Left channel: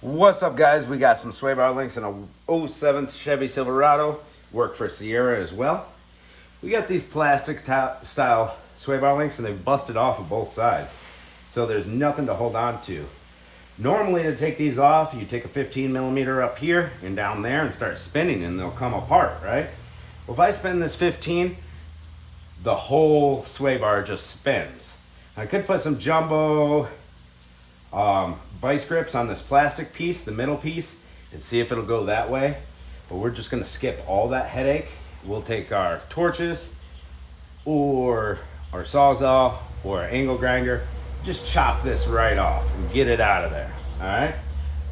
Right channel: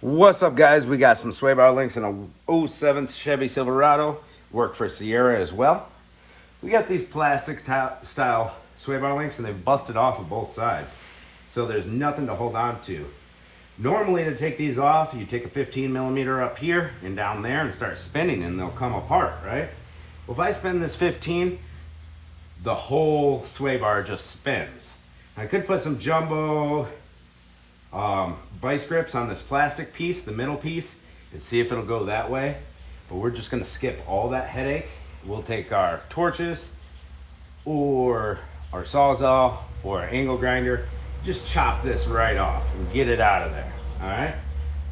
What's up, guys? We got some sway bar links in a '07 Chevy Silverado. Work for Sierra as well. We got these plastic style sway bar links and they've busted off of both sides. So there's nothing to hold on to. Normally to take these off, you take a 15 millimeter up here and down there and start spinning and they'll come apart, right? Well, if I spin this 15, the whole sway bar just spins. I could put some jumbo vice grips on this plastic piece, the middle piece, and see if it'll go that way. But we're just gonna skip all that headache. We'll take our torches or our Sawzall or our angle grinder, just chop this right off and get it out of there, all right?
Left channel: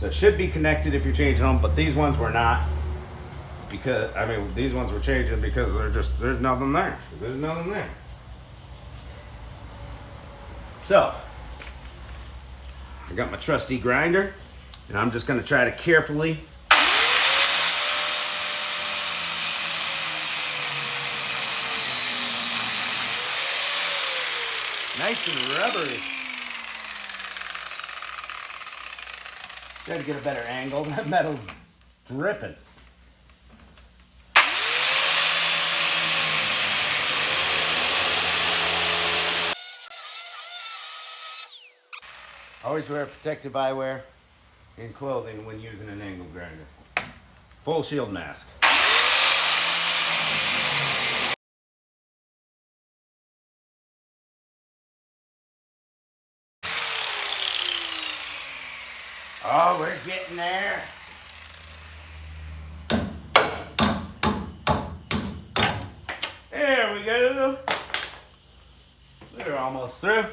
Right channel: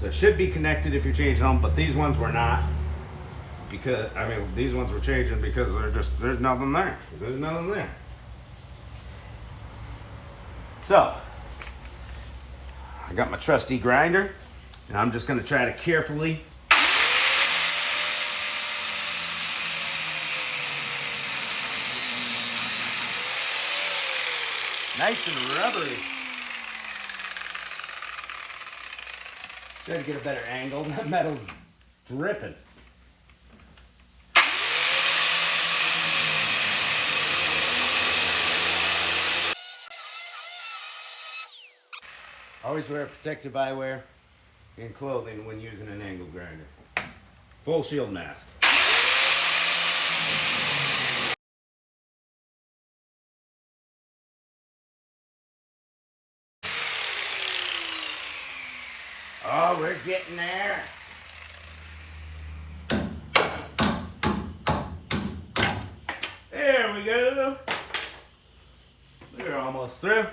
So it should be connected if you're changing them, but these ones were not, because, these ones were changing because there's nothing there. There's nothing there. So, I got my trusty grinder, and I'm just gonna try to carefully nice and rubbery. Try to get a better angle. That metal's dripping. Always wear protective eyewear and clothing when using an angle grinder. Full shield mask. Oh, we're getting there. There we go. We're almost through.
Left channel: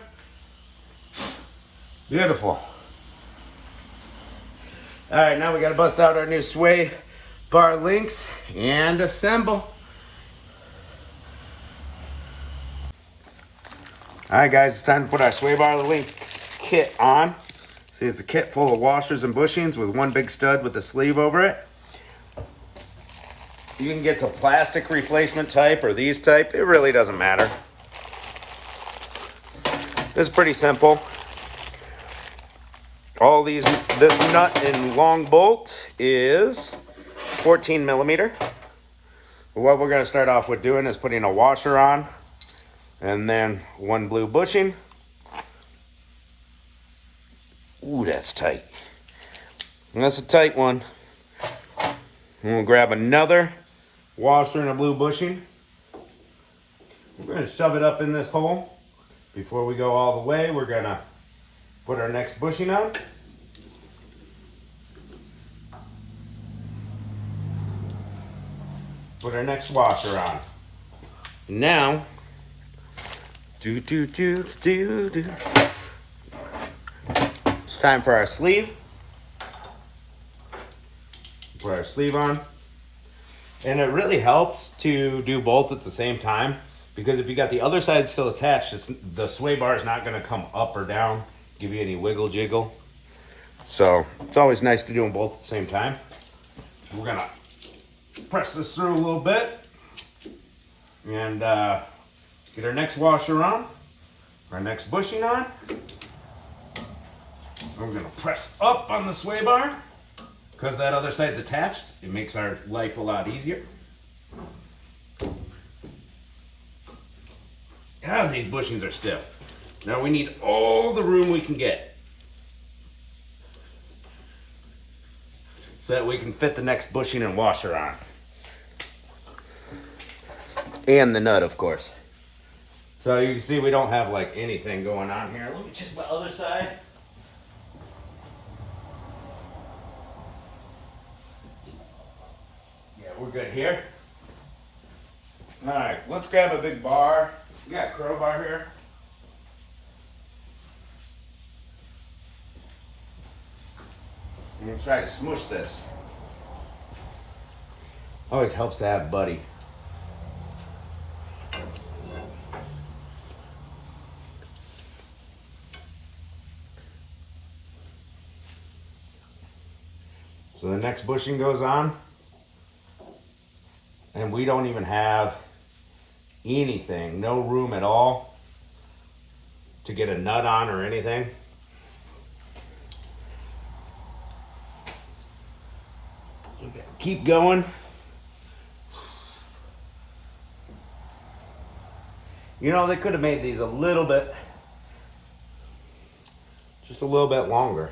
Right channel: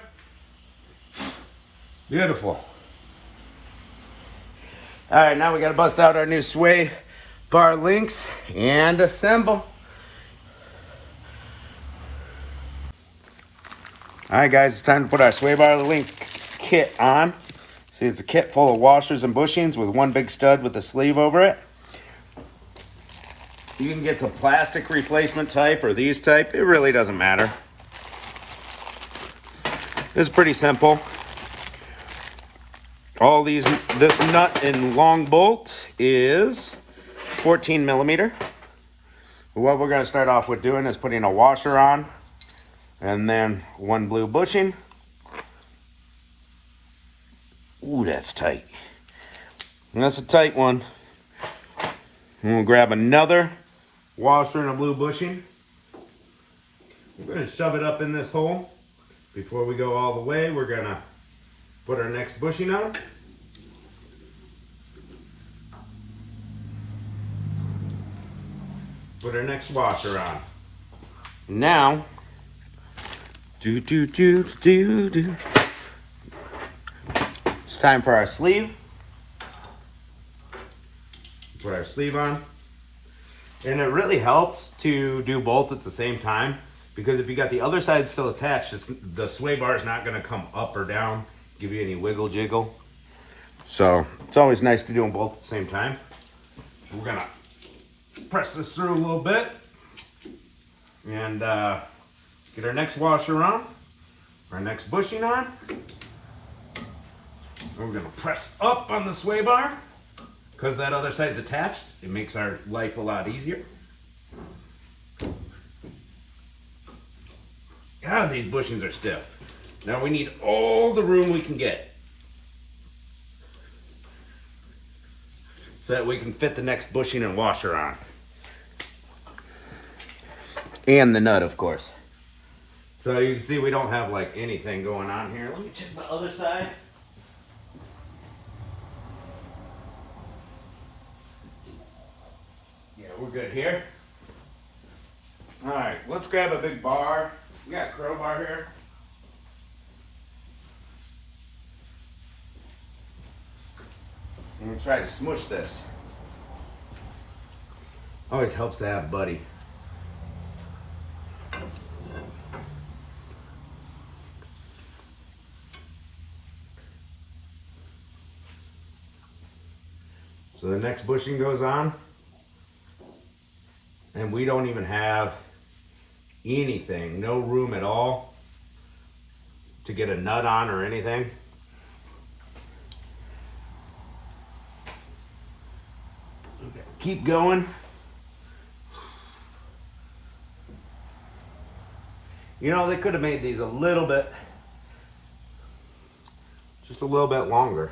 Beautiful. All right, now we gotta bust out our new sway bar links and assemble. All right, guys, it's time to put our sway bar link kit on. See, it's a kit full of washers and bushings with one big stud with a sleeve over it. You can get the plastic replacement type or these type. It really doesn't matter. It's pretty simple. This nut and long bolt is 14 millimeter. What we're gonna start off with doing is putting a washer on and then one blue bushing. Ooh, that's tight. And that's a tight one. And we'll grab another washer and a blue bushing. We're gonna shove it up in this hole. Before we go all the way, we're gonna put our next bushing on. Put our next washer on. Now, it's time for our sleeve. Put our sleeve on. And it really helps to do both at the same time, because if you got the other side still attached, the sway bar is not gonna come up or down, give you any wiggle jiggle. So it's always nice to do them both at the same time. We're gonna press this through a little bit and get our next washer on, our next bushing on. And we're gonna press up on the sway bar. Because that other side's attached, it makes our life a lot easier. God, these bushings are stiff. Now we need all the room we can get so that we can fit the next bushing and washer on. And the nut, of course. So you can see we don't have like anything going on here. Let me check the other side. Yeah, we're good here. All right, let's grab a big bar. We got a crowbar here. I'm gonna try to smush this. Always helps to have a buddy. So the next bushing goes on, and we don't even have anything, no room at all to get a nut on or anything. Okay, keep going. You know, they could have made these a little bit, just a little bit longer.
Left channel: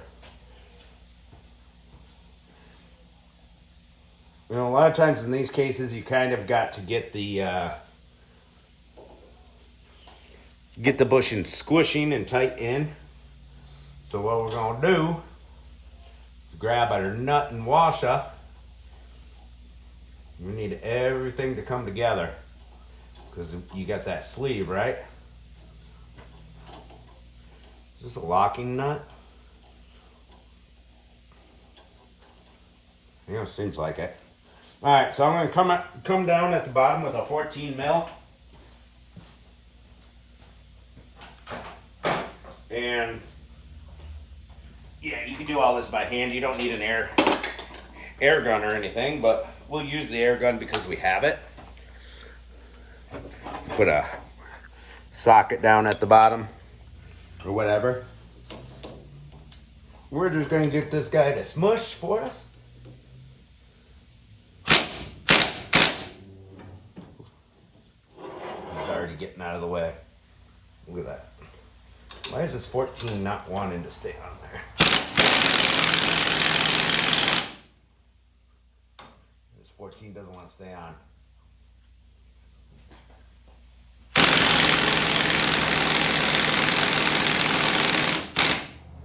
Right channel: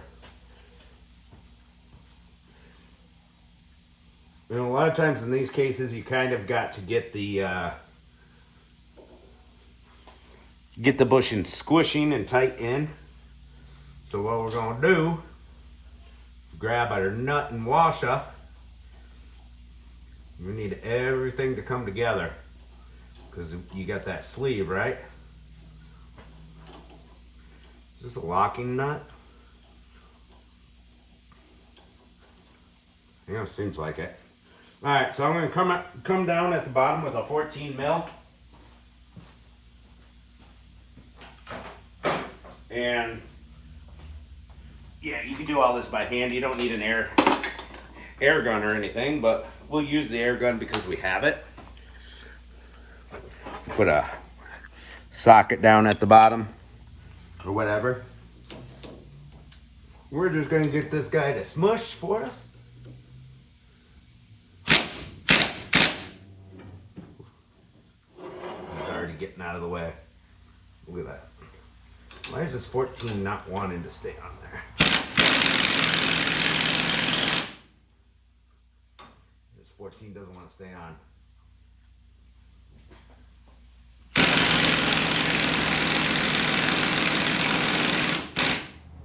You know, a lot of times in these cases, you kind of got to get the bushing squishing and tight in. So what we're gonna do is grab our nut and washer. We need everything to come together because you got that sleeve, right? Is this a locking nut? You know, seems like it. All right, so I'm gonna come down at the bottom with a 14 mil. And yeah, you can do all this by hand. You don't need an air gun or anything, but we'll use the air gun because we have it. Put a socket down at the bottom or whatever. We're just gonna get this guy to smush for us. He's already getting out of the way. Look at that. Why is this 14 not wanting to stay on there? This 14 doesn't want to stay on.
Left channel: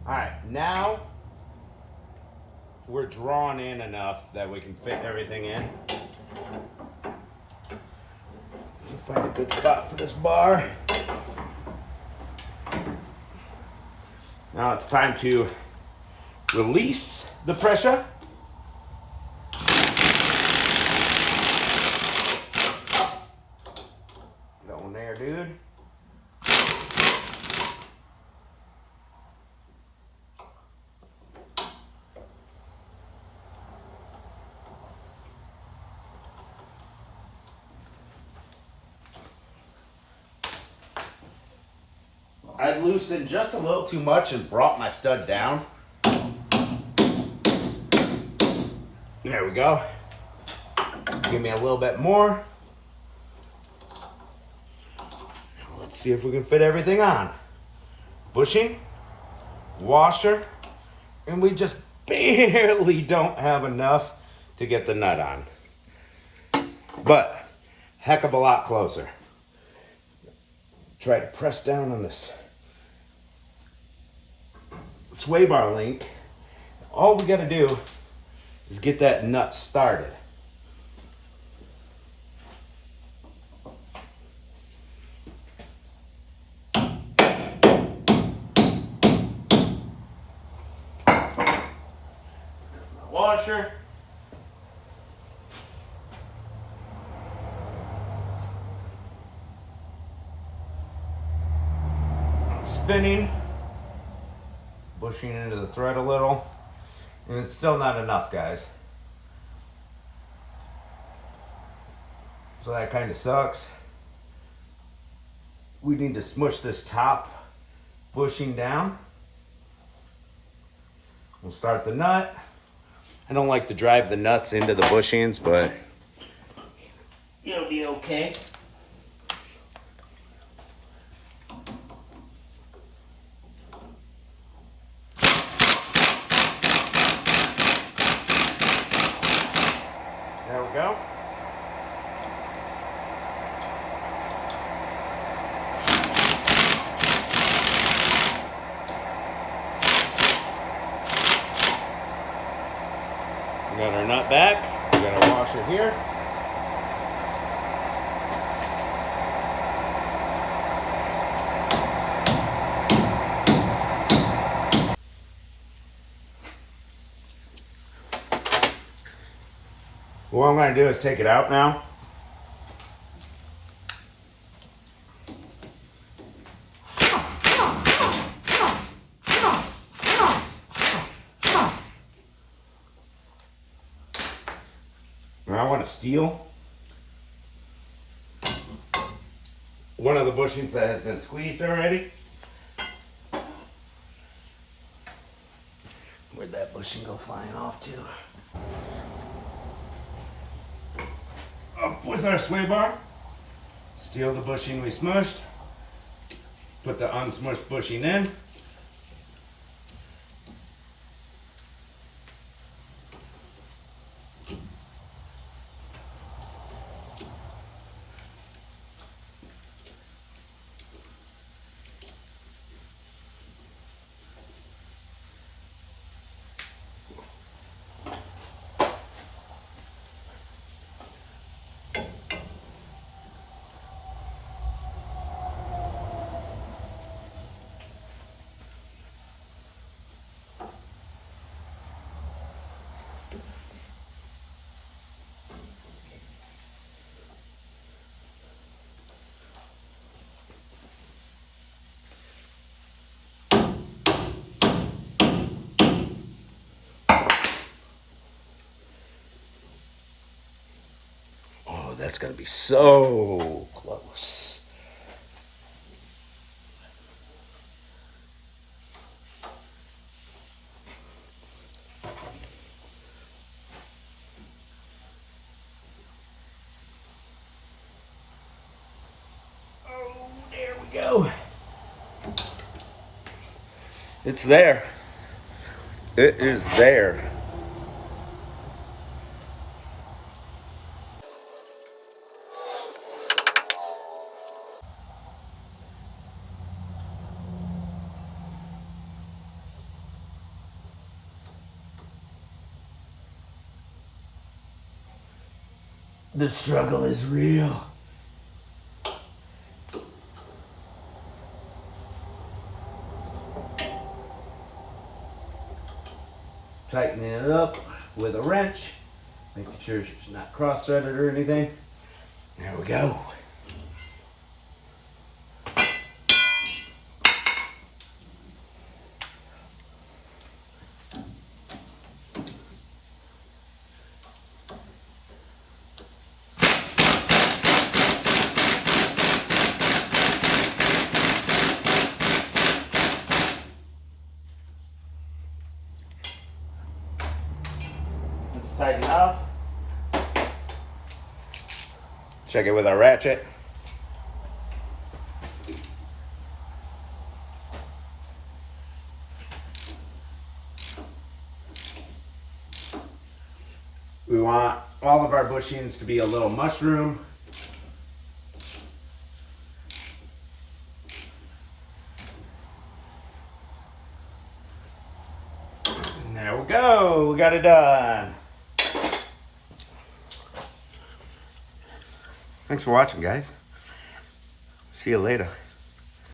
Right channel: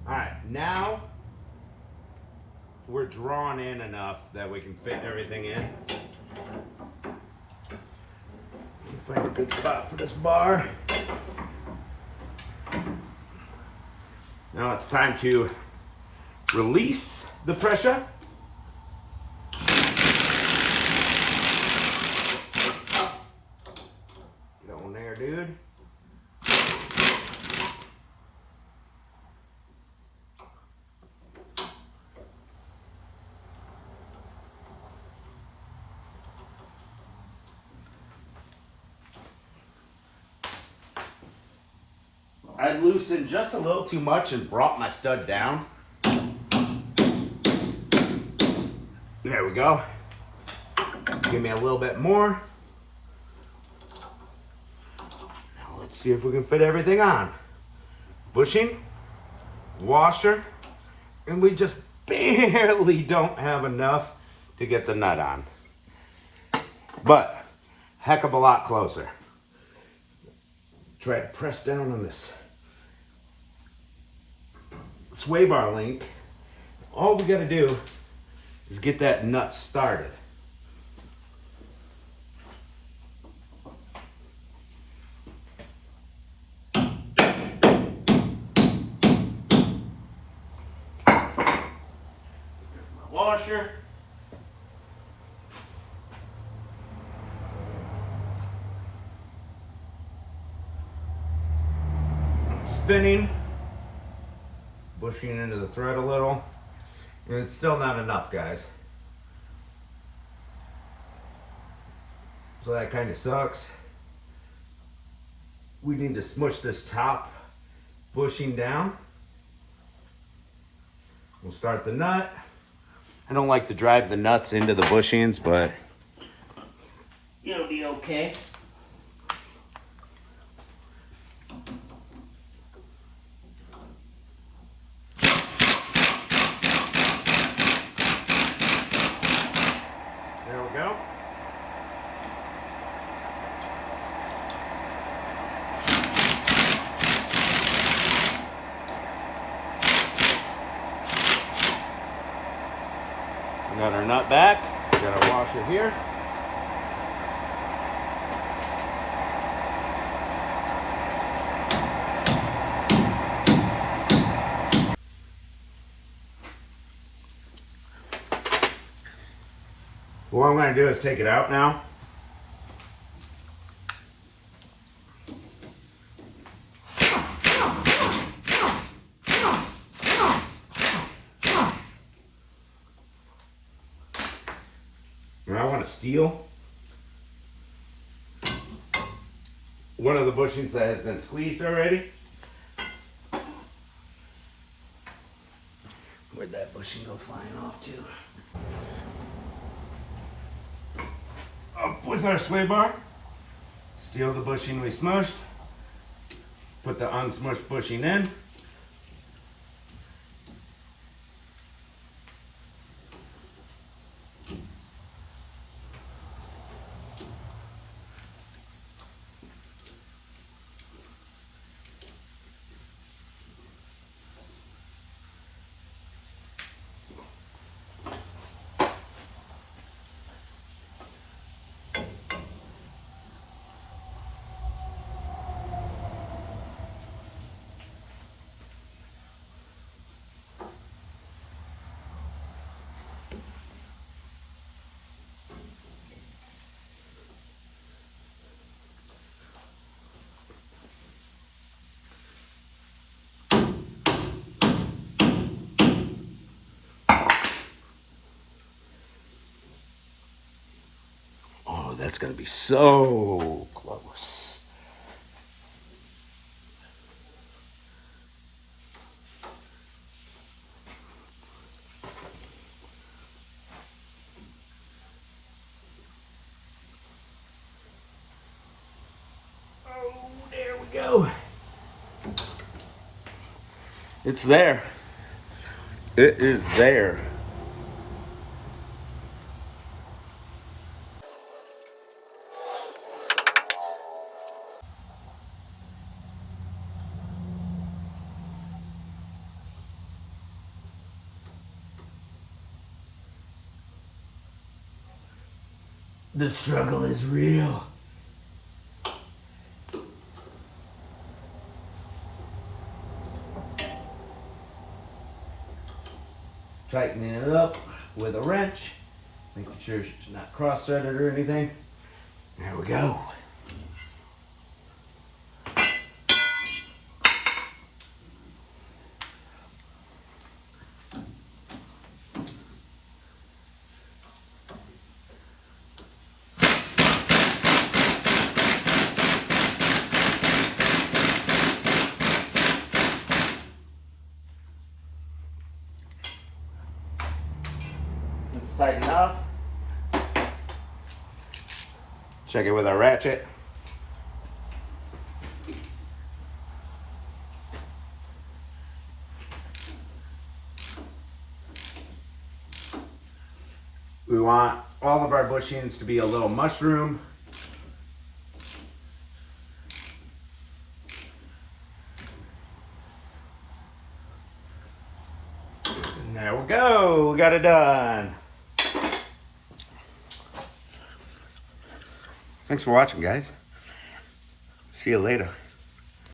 All right, now we're drawn in enough that we can fit everything in. Find a good spot for this bar. Now it's time to release the pressure. Get on there, dude. I loosened just a little too much and brought my stud down. There we go. Give me a little bit more. Now let's see if we can fit everything on. Bushing, washer, and we just barely don't have enough to get the nut on. But heck of a lot closer. Try to press down on this sway bar link. All we got to do is get that nut started. My washer. Spinning. Bushing into the thread a little. And it's still not enough, guys. So that kind of sucks. We need to smush this top bushing down. We'll start the nut. I don't like to drive the nuts into the bushings, but it'll be okay. There we go. We got our nut back. We got our washer here. What I'm going to do is take it out now. And I want to steal one of the bushings that has been squeezed already. Where'd that bushing go flying off to? up with our sway bar, steal the bushing we smushed, put the unsmushed bushing in. Oh, that's gonna be so close. Oh, there we go. It's there. It is there. The struggle is real. Tightening it up with a wrench, making sure it's not cross-threaded or anything. There we go. Let's tighten it up. Check it with our ratchet. We want all of our bushings to be a little mushroom. And there we go, we got it done. Thanks for watching, guys. See you later.